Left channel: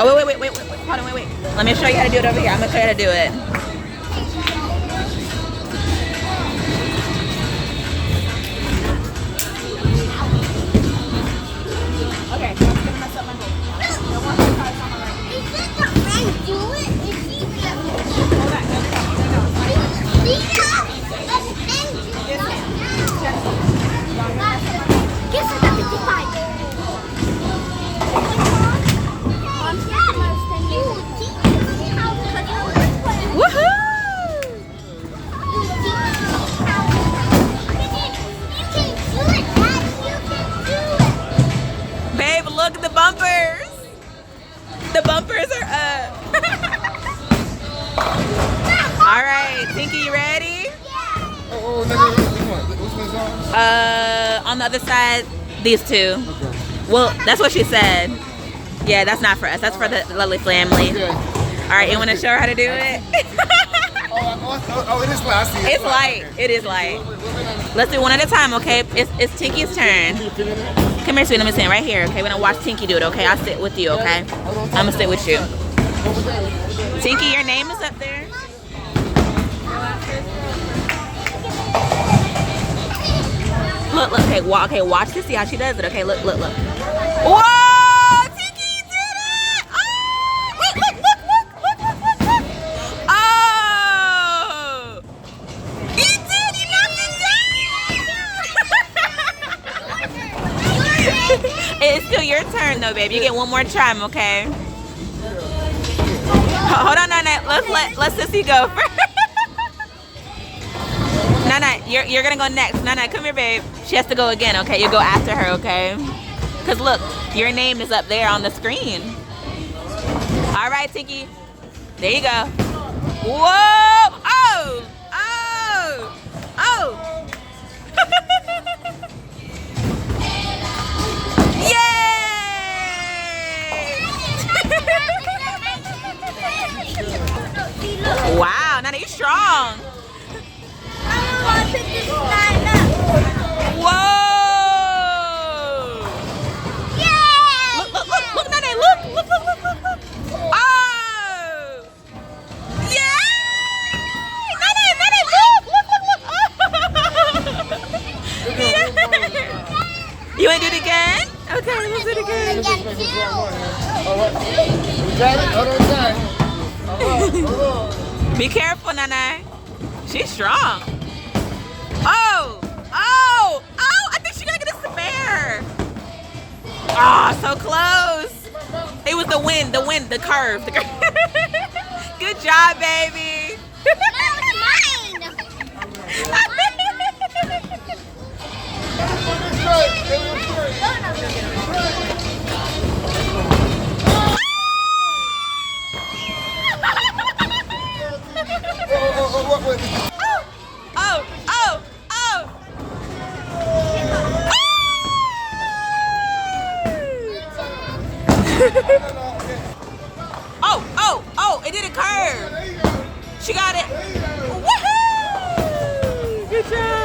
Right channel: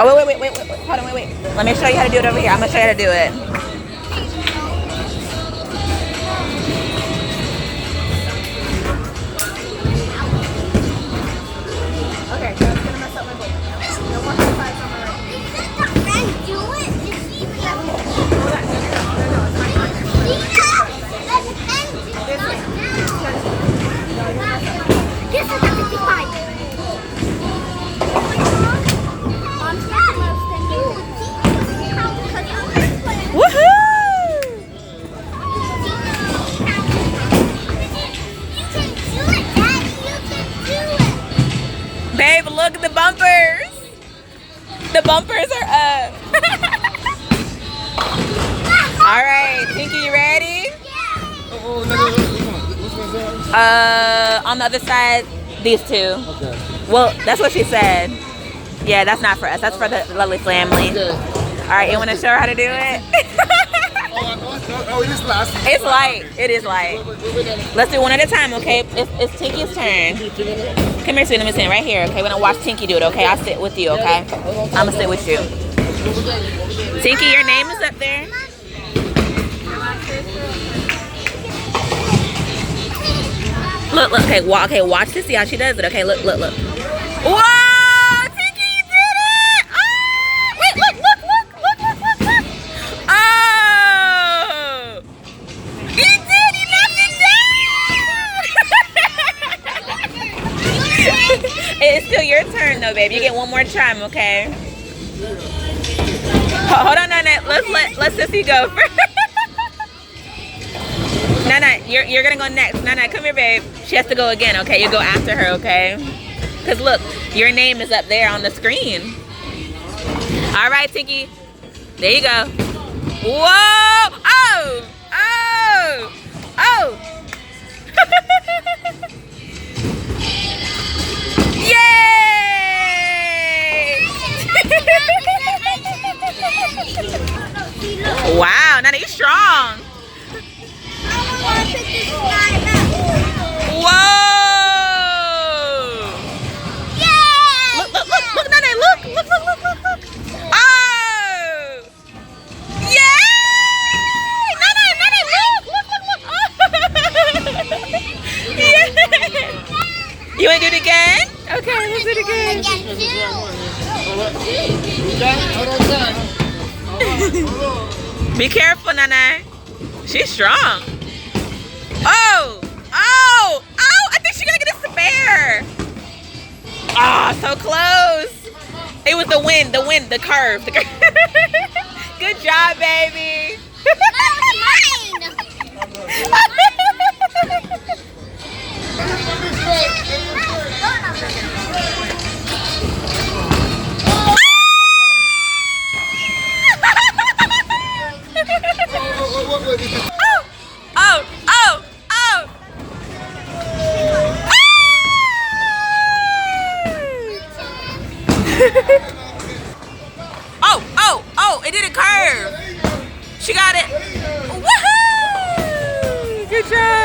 Oh, wait. Hold on, wait. Let me show you how to do it over here. I'm gonna show you how to do it. Okay, it's gonna mess up my book. Is that the friend do it? Is she Hold on, Guess I got 55. woohoo! Babe, look at the bumpers. The bumpers are up. All right, Tinky, you ready? Oh, no, which one's on? On the other side, these two. Okay. Well, that's what she said. Yeah, that's not for us. That's for the lovely family. Okay. All right, you want to show her how to do it? Oh, it is light. It's light. It is light. Let's do one at a time, okay? It's Tinky's turn. Come here, sweet. Let me sit right here, okay? We're gonna watch Tinky do it, okay? I'll sit with you, okay? I'm gonna sit with you. Tinky, your name is up there. Look, okay, watch to see how she does it, okay? Look. Whoa! Tinky, you did it! Oh! Wait, look! Oh! You did! You knocked it down! It's still your turn, though, babe. You get one more time, okay? Hold on, Nana. Let's Sissy go first. Nana, you're gonna go next. Nana, come here, babe. She has to go again, okay? You go after her, okay? Because look, your name is up there on the screen. All right, Tinky. There you go. Whoa! Oh! Yay! Wow, Nana, you're strong. Whoa! Yay! Look, Nana, look! Oh! Yay! Nana, look! Yeah. You wanna do it again? Okay, let's do it again. Be careful, Nana. She's strong. Oh! I think she's gonna get a spare. Ah, so close. It was the wind, the curve. Good job, baby. Oh, it did a curve. She got it. Woohoo! Good job.